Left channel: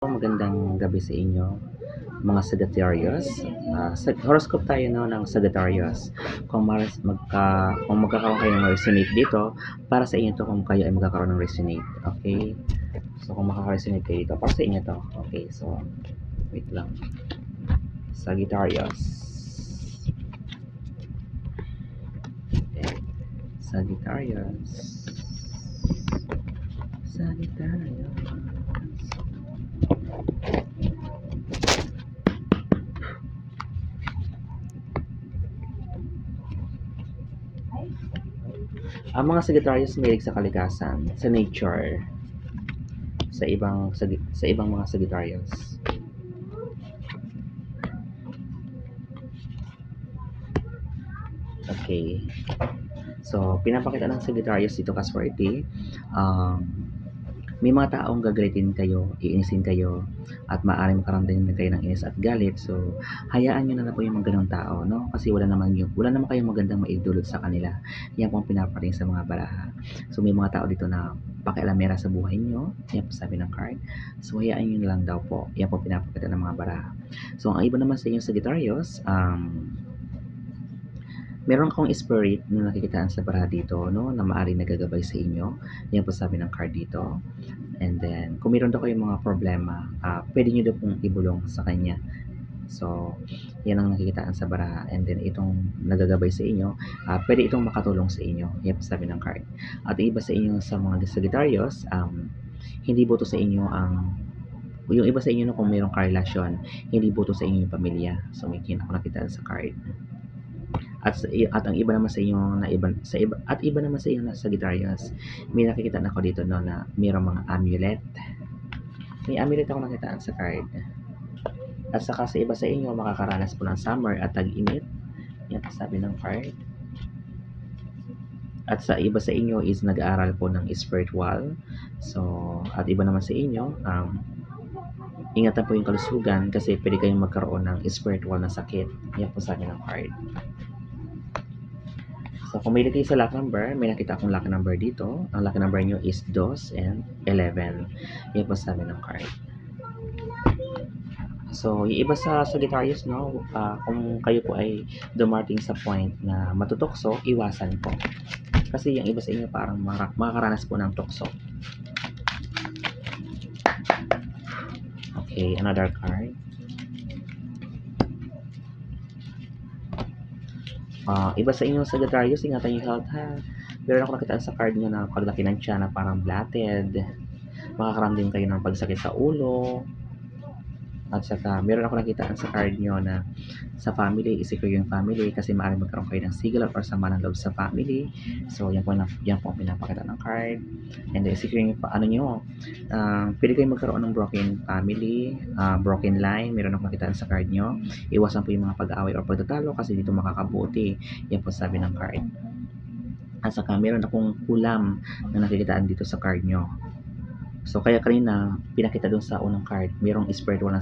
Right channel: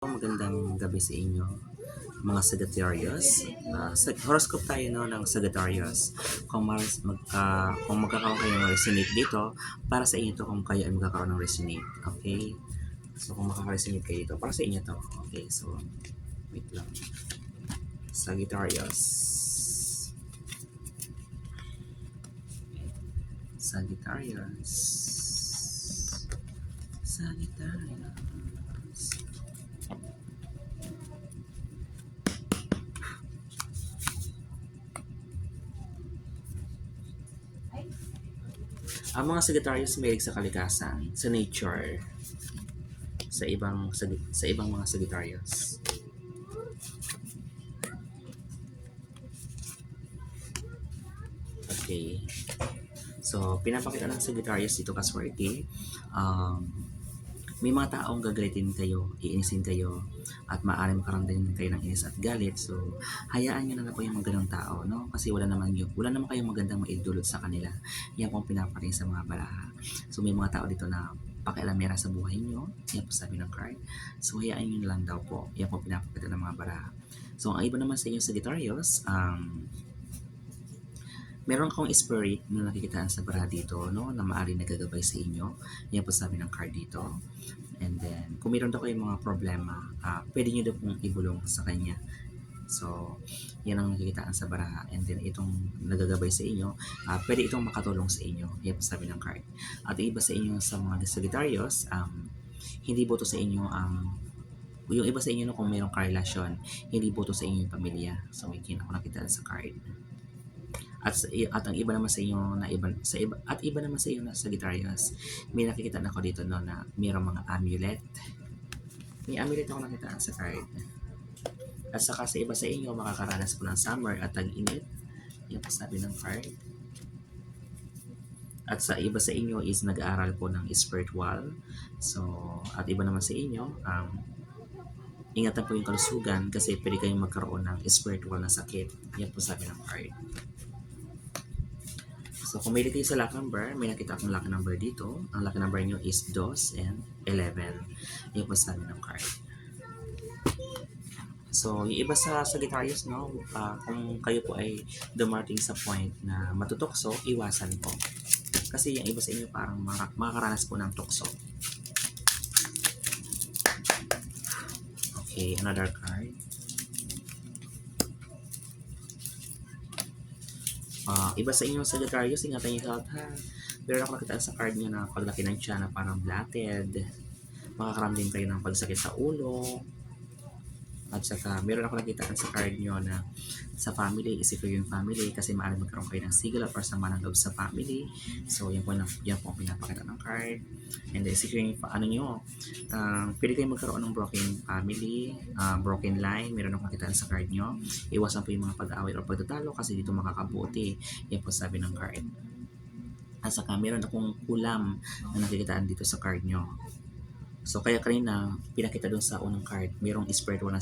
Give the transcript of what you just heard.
Magandang gabi sa inyo, mga Sagittarius. Horoscope tayo no, ng Sagittarius. Kung magkakaroon kayo ng resonate dito, para sa inyo to kung kayo ay magkakaroon ng resonate. Okay? So, kung makaka-resonate kayo dito, para sa inyo to. Okay, so, wait lang. Sagittarius. Okay. Sagittarius. Sagittarius. Ang mga Sagittarius mahilig sa kalikasan, sa nature, sa ibang mga Sagittarius. Okay. So, pinapakita ng Sagittarius dito kaswerte. May mga taong gagalitin kayo, iinisin kayo, at maaaring makaramdam din kayo ng inis at galit. So, hayaan nyo na lang po yung mga ganong tao, no? Kasi wala naman kayong magandang maidulot sa kanila. Yan po ang pinaparing sa mga baraha. So, may mga tao dito na pakialamera sa buhay nyo. Yan po sabi ng card. So, hayaan nyo na lang daw po. Yan po pinapakita ng mga baraha. So, ang iba naman sa inyo Sagittarius, meron akong spirit na nakikitaan sa baraha dito, no, na maaaring nagagabay sa inyo. Yan po sabi ng card dito. And then, kung meron daw kayong mga problema, pwede nyo daw pong ibulong sa kanya. So, yan ang nakikitaan sa baraha. And then, itong nagagabay sa inyo, pwede itong makatulong sa inyo. Yan po sabi ng card. At iba sa inyo sa mga Sagittarius, hindi boto sa inyo yung iba sa inyo no, kung mayroong karelasyon, hindi boto sa inyo yung pamilya. So, may nakikitaan sa card. At ang iba naman sa inyo iba naman sa inyo na Sagittarius, may nakikita na ako dito no, na mayroong mga amulet. May amulet ako nakitaan sa card. At saka sa iba sa inyo, makakaranas po ng summer at tag-init. Yan po sabi ng card. At sa iba sa inyo is nag-aaral po ng spiritual. So, at iba naman sa inyo, ingatan po yung kalusugan kasi pwede kayong magkaroon ng spiritual na sakit. Yan po sabi ng card. So, kung may lagay sa lucky number, may nakita akong lucky number dito. Ang lucky number nyo is 2 and 11. Yan po sabi ng card. So, yung iba sa Sagittarius, no, kung kayo po ay dumating sa point na matutokso, iwasan po. Kasi yung iba sa inyo parang makakaranas po ng tukso. Okay, another card. Iba sa inyo Sagittarius, ingatan yung health ha. Meron ako nakita sa card nyo na paglaki ng tiyan na parang blatted. Makakaramdam kayo ng pagsakit sa ulo. At saka, meron ako nakita sa card nyo na sa family, isecure yung family kasi maaaring magkaroon kayo ng sigil or sama ng loob sa family. So, yan po ang pinapakita ng card. And then, isecure yung nyo. Pwede kayong magkaroon ng broken family, broken line. Meron ako nakita sa card nyo. Iwasan po yung mga pag-aaway or pagtatalo kasi dito makakabuti. Yan po sabi ng card. At saka, meron akong kulam na nakikitaan dito sa card nyo. So, kaya kanina, pinakita dun sa unang card, merong spiritual na